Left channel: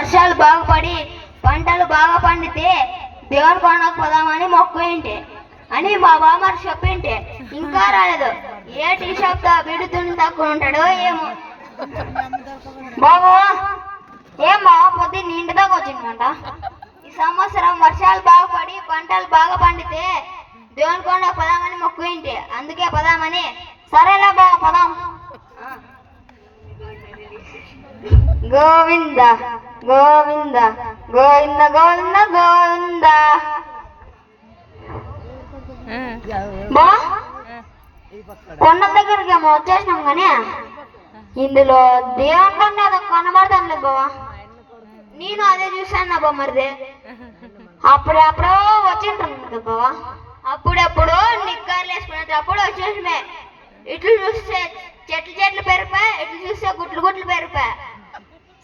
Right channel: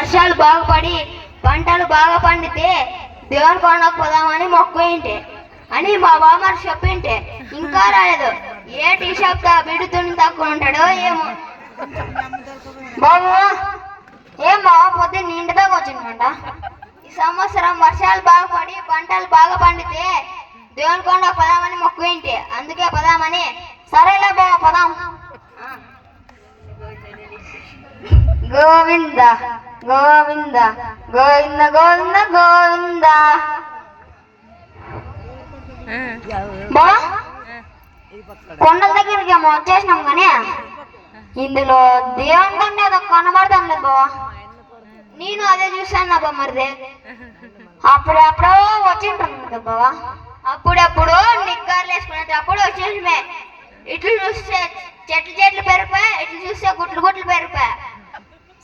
వర్షాలు బాగా పడి పంటలు బాగా పండితే దేవుని కొండకు పోదామని మొక్కు అని మా బామ్మ చెప్పింటే ఇంకా రాలేదు. ఏ టీ షాప్ బిడుతుని తక్కువ ఉంటాడో ఏమో. బాబు ఏం బాబా పొద్దున్న ఇంటి దాకా వచ్చిందంట. ఈ సంవత్సరం వర్షాలు బాగా పడి పంటలు బాగా పండితే దేవుని కొండకు పోదామని మొక్కు అందుకే పోదామని. సరేలే బాబా పోదాం. గోవింద గోవింద గోవింద గోవింద గోవింద. బా కొండ దగ్గరికి ఏమో వచ్చేసినాం కానీ ఇందులో దేవుని కొండ మీద కనబడతాం లేదు బావా. నేను అదే చూసాను బా. మరిదే అప్పుడెప్పుడో వచ్చింటాను కదా బావా. అప్పుడెప్పుడు నిక్కర్లు వేసుకునేటప్పుడు వచ్చేసిమే. ఇట్లు చూస్తే చెట్లు పెరిగిపోయి, ఇట్లు చూస్తే గుట్లు పెరిగిపోయి.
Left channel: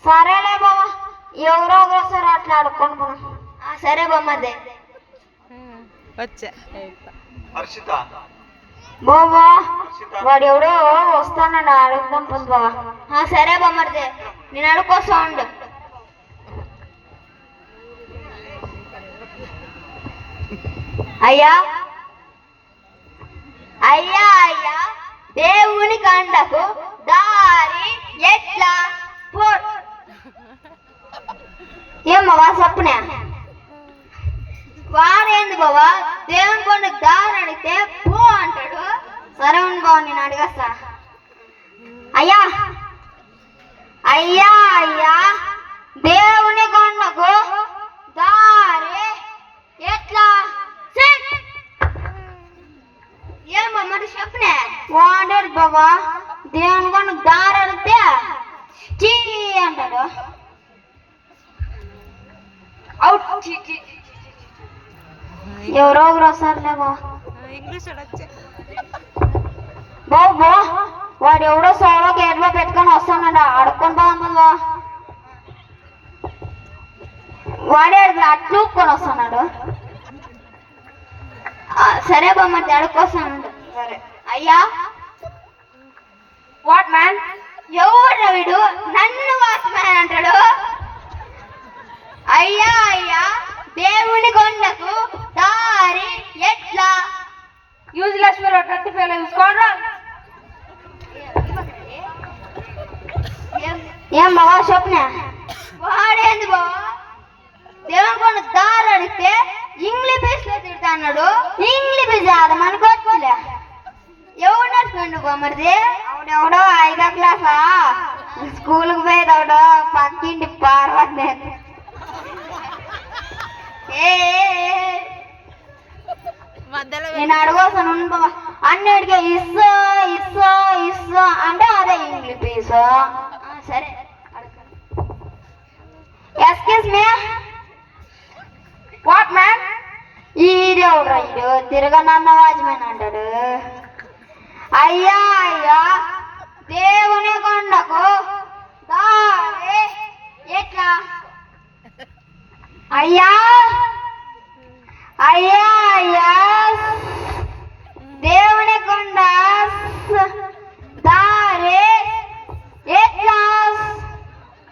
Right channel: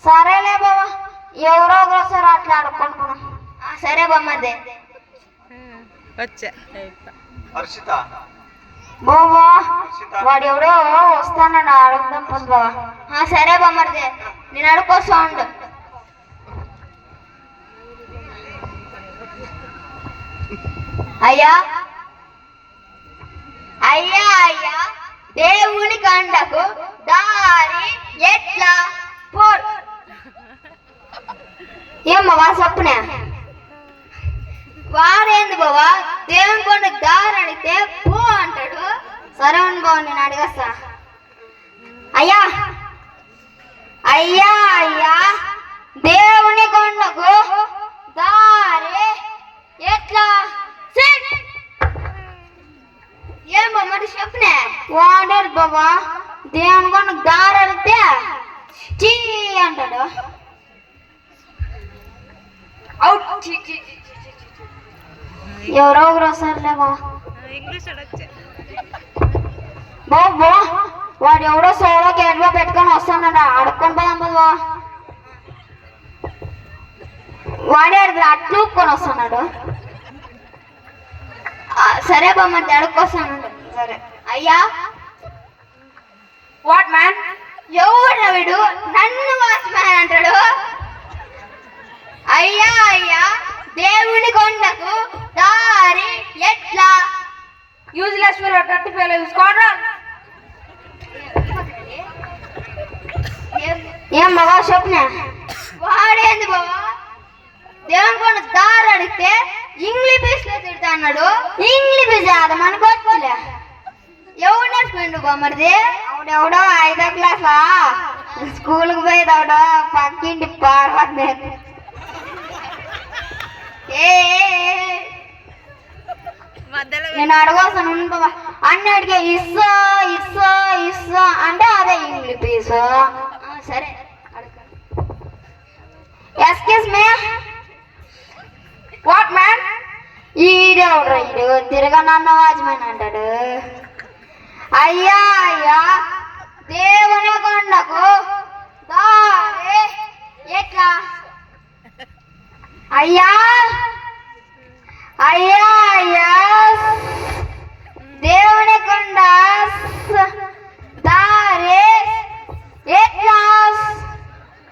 సరేలే బావా, ఎవరో ఒకసారి అట్లా ఆడుకుంటున్నాం. సరే బొమ్మదే బాబా. వాడు ఎవడో వస్తానండి, అడుగుదాం పది బావా. సరే బొమ్మదే, నేను అడుక్కొస్తా ఉండు. అయ్యా అయ్యా అయ్యా, దేవుని కండకు దారి ఎట్లా పో. ఏం బావా చెప్పునే. వాడేంది బావా దేవుని కొండకు దారి అడిగితే పో అంటాడు. సరే ఉంది బావ, నేను అడిగేస్తా. అయ్యా అయ్యా అయ్యా, దేవుని కొండకు దారి ఎట్లా. ఏం మరి చెప్పునే. వాడారు బాబా దేవుని కొండకు దారి అడిగితే చీ అంటాడు. ఎవరో ఒకరు వస్తారులే బాబా. బాబా వాడు ఎవడో సోలో గేట్లో పెట్టుకొని వస్తానండి, అడుక్కొని పోదాం బాబా. వాడే అట్లుకొని వస్తున్నాడు. సరే బామ్మ, అడుక్కొస్తాను. సరే అయ్యా. వాట్ మ్యాన్, ఎవరు వీడు నన్ను వాచ్మ్యాన్ అంటాడు. అయ్యా అయ్యా, దేవుని కొండకు దారి ఎట్లా. యూజ్లెస్ ఫెలో, టట్టి ఫెలో, చూసుకోండి. ఏం బావా చెప్పిన. వాడేంది బావా దేవుని కొండ దారి అడిగితే ఇంగ్లీష్ లో తిడతా అన్నాడు. ఇంగ్లీష్ అది మనకు వచ్చలే. ఎవరు నేర్చుకోండి బొమ్మది. అవుడెవడో 5వ క్లాసా స్కూల్కి పోయేదవడో పక్కింటి పార్వతి. నేను అడగొస్తాను అన్నిటికీ ఇస్సో ఇస్సో ఇస్సో అంటే అదే ఇంగ్లీష్. సరే ఎక్స్క్యూజ్ మీ. వాట్ మ్యాన్, ఈడెవడ్రా ఈడు తిరగనన్న వాచ్మెన్ అంటాడు. అయ్యా అయ్యా, దేవుని కొండకు దారి ఎట్లా. అయ్యా అయ్యా అయ్యా, దేవుని కొండ దారి ఎట్లా.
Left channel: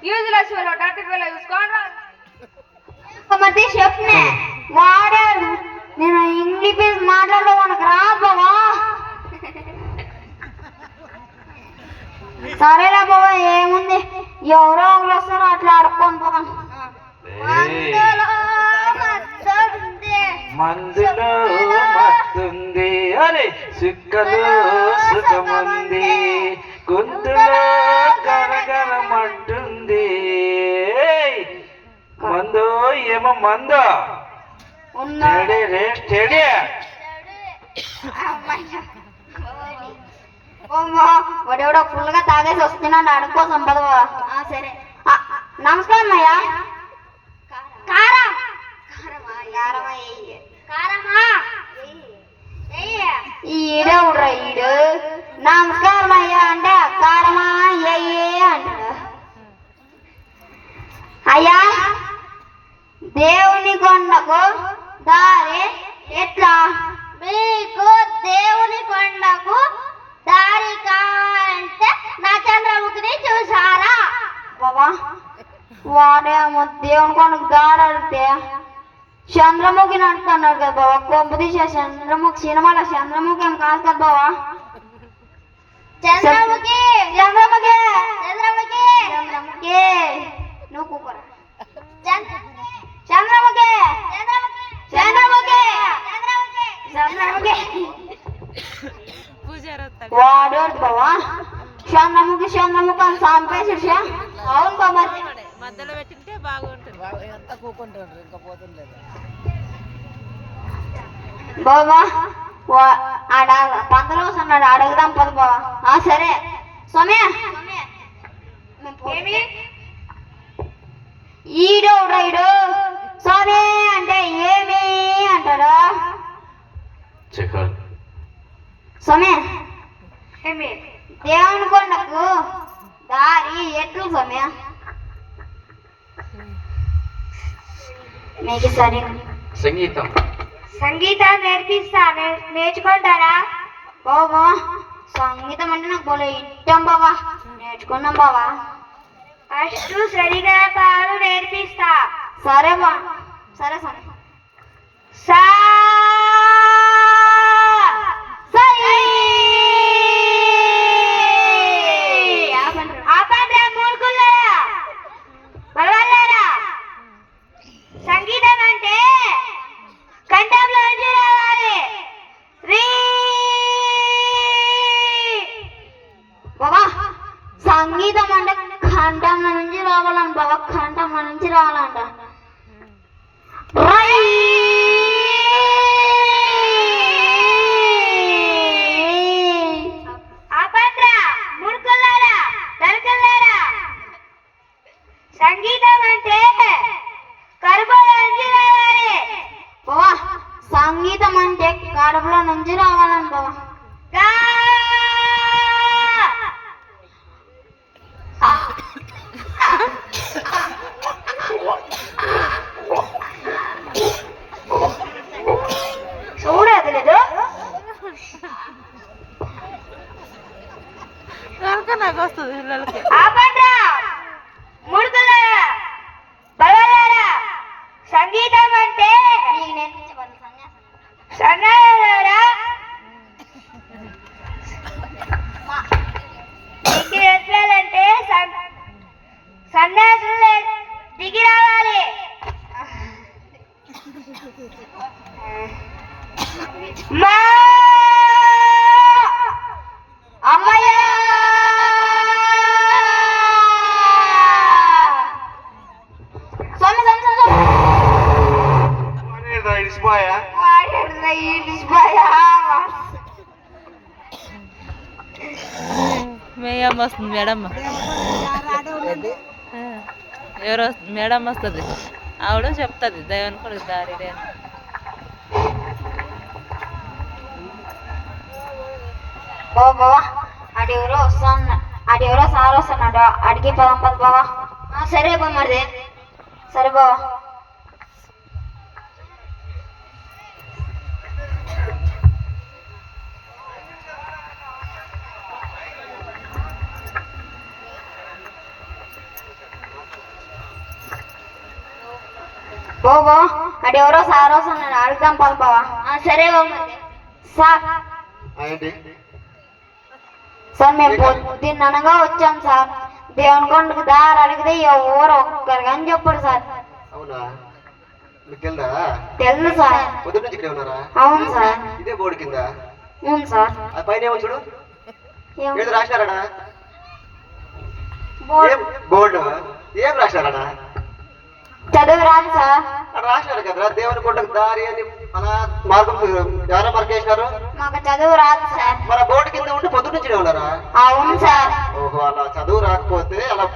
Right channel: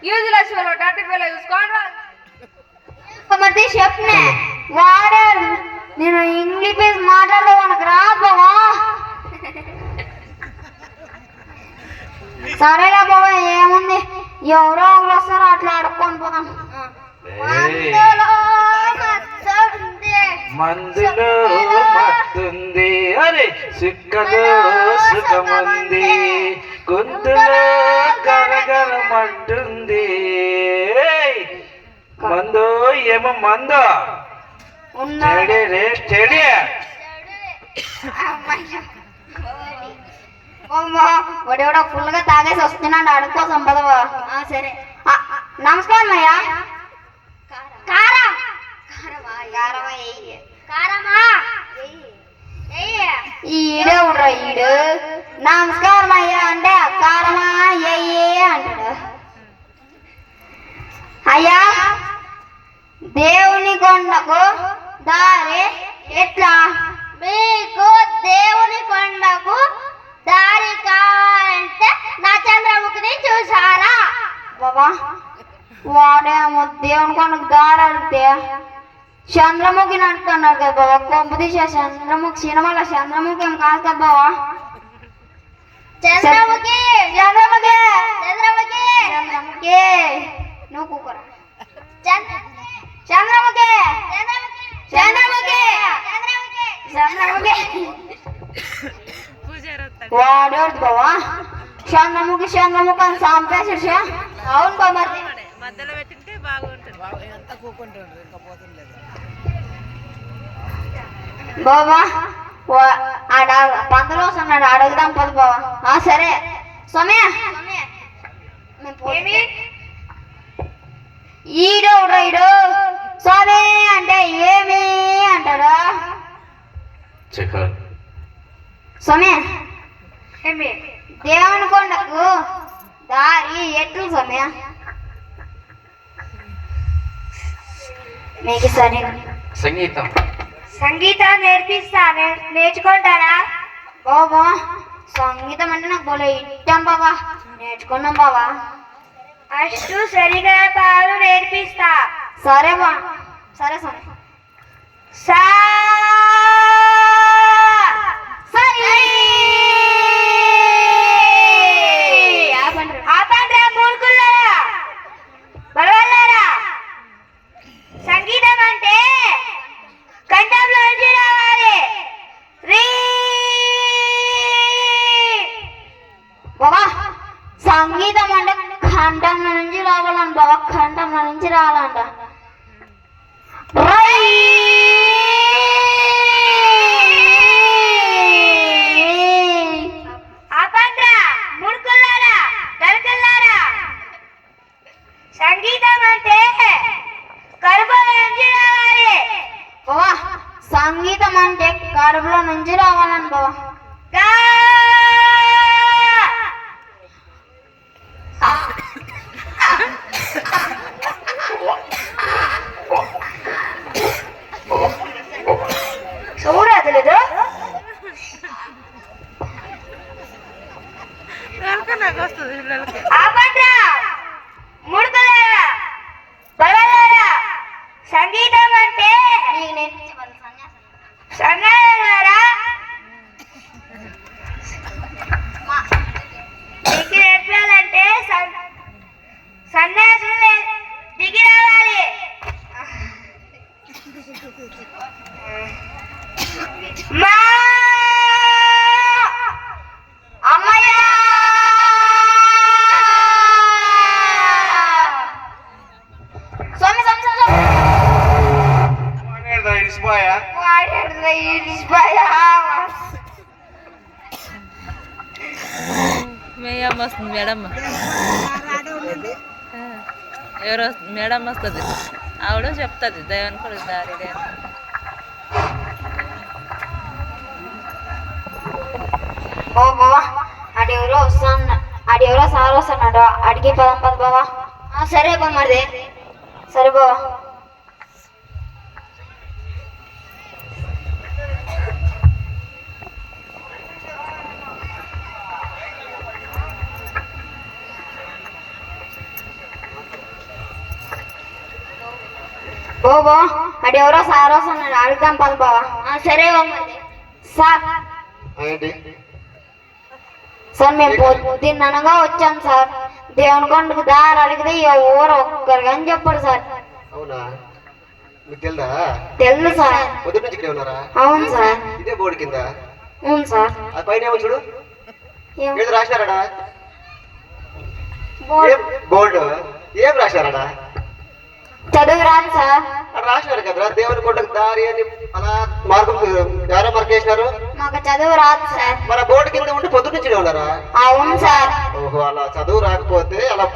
యూజ్లెస్ ఫెలో, డర్టీ ఫెలో, చూసుకోండి. మరి చెప్పనే. వాడాడు నేను ఇంగ్లీష్ మాట్లాడే మనకు రాదు బావా. సరేలే బాబా, ఏముంది ఎవరో వస్తారో అట్లా అడుక్కొని పోదాం. మందులో మత్తుంది, అరే సుక్కలో సుఖముంది, గొంతులో గరగరమంటుంది. మందు ఏమో మందు స్టడీ. వాడెవడో ఫుల్గా తాగేసి వస్తున్నాడు, అడుగుతా సంపదవా. సరే నమస్కారం అయ్యా. ఈడెవడ్రా ఈడు నమస్కారం అయ్యా అంటే కారమా అయ్యే అంటాడు. అయ్యా, దేవుని కొండకు దారి ఎట్లా. మీకు దేవుని కొండకు దారి కావాలంటే నా చంద్రముఖిని చూసారా బాబా. వాడేమో దేవుని కొండకు దారి అడిగితే చంద్రముఖి నడుతున్నాడు కదా బావా. కొంప తీసే చంద్రముఖి సినిమాలో చంద్రముఖి ఏం కాదు కదా బావా. చంద్రముఖి చంద్రముఖి చంద్రముఖి చంద్రముఖి నువ్వు కూకురా. చంద్రముఖి చంద్రముఖి చంద్రముఖి వాడేడు బావా. చంద్రముఖి చంద్రముఖి అని సాంపేసి. అవును బాబా, మధ్యలో పెట్టింటే బాగుంటుంది. బాబా ఆడ పంతలో వస్తున్నాడు, అడుగుదాం పద బావా. సరే సౌమ్య, ఈడు స్వామి అంటే ఏమి అంటాడు. సౌమ్య, దేవుని కొండకు దారి ఎట్లు సౌమ్య? మీకు సరే సంగీతం సంగీతం నేర్చుకుంటారా బాబా? సంగీతం అంటే నాకు బోలే ఇష్టం బాబా, నేర్చుకున్నాం బాబా. ఫస్ట్ సరిగా పాలు నేర్పిస్తా. సరే బా, సరే సరే. సా సంగీతం అంటే కంఠంలో నుంచి రావాలి. బాబా సంగీతం అంటే కంఠంలో నుంచి రావాలంట బాబా, కంఠంలో నుంచి రావాలంట. సంగీతం అంటే కడుపులో నుంచి రావాలి బాబా. సంగీతం అంటే కడుపులో నుంచి రావాలని బాబా. చూడలేదు నాకు వస్తుంది పిల్లలకి. సంగీతం అంటే సన్నారా మీకు ఎట్లాలంటే సన్యాసులు దిగి రావాలి. మా అమ్మయ్య స్వామి స్వామి మేయమ్మ వస్తుంది, మేడమ్మ ఎవరో మేడం వస్తుంది, ఆవిడ చెప్తుంది దైవానికి కూడా దారి బాబా. అడెవరో సార్ వస్తున్నాడు, అడిగి పదం పద బాబా. సరే బొమ్మది, సరే బాబా. బాబా అడెవరో సార్ వస్తున్నాడు, అడుగుతాం పద బాబా. సరే బొమ్మది. సార్ మేము పొద్దున్ననగా వచ్చాం సార్. దేవుని కొండకు దారి అడిగితే ఎవరు ఒక్కరు కానీ చెప్పడు సార్. అవునా, మీకు తెలుదా? తెలుసు సార్. పొద్దున్న నుంచి ఇక్కడే ఉన్నారా? అవును సార్. ఇదే బోర్డు కింద? అవును సార్. ఆ పైన ఏమో చూడు, ఏదో రాశారాడా? బోర్డు ఏం రాశారాడా? చదువు రాదు సార్. రాసినారు కదరా దేవుని కొండకు దారి అని, అలా మార్కులు ఎవరో మార్క్ వేసినారు. మాకు చదువు రాదు సార్. మన బోర్డు కింద ఉండి పొద్దున్న నుంచి ఉన్నారా? అవును సార్. ఓహో, అలా చదువు రాకపోతే అలా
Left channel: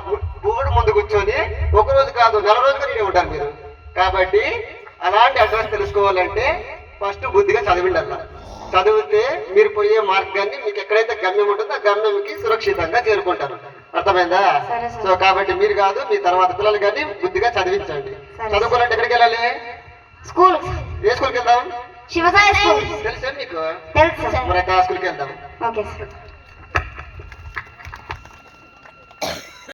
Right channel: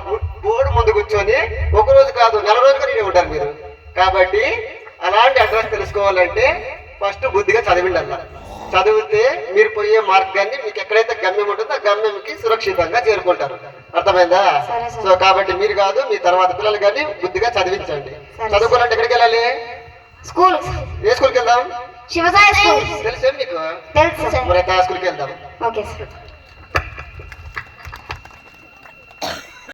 బోర్డు ముందు కూర్చొని ఒక రోజు కాదు నెల రోజుగా నేను ఉంటారు మీరు. కాబట్టి అలాంటి అడ్రస్ తెలుసుకోవాలంటే ఫస్ట్ బుద్ధిగా చదివిండి అన్న. చదివితే మీరు పోయే మార్గాన్ని మీకు ఎక్కడైతే గమ్యం ఉంటుందో ఆ గమ్యంకి సురక్షితంగా చేరుకుంటారు. అర్థమైందా? సో కాబట్టి మీరు కాదు, మీ తర్వాత పిల్లలు కానీ బుద్ధిగా చదివించండి. చదువుకోవాలంటే ఎక్కడికి వెళ్ళాలి? స్కూల్. ఏ స్కూల్కి వెళ్దాం? శివసాయి స్కూల్. తెలుసా మీకు? తెలుసు సార్. మరి ఆ స్కూల్కి వెళ్దాం. Okay sir.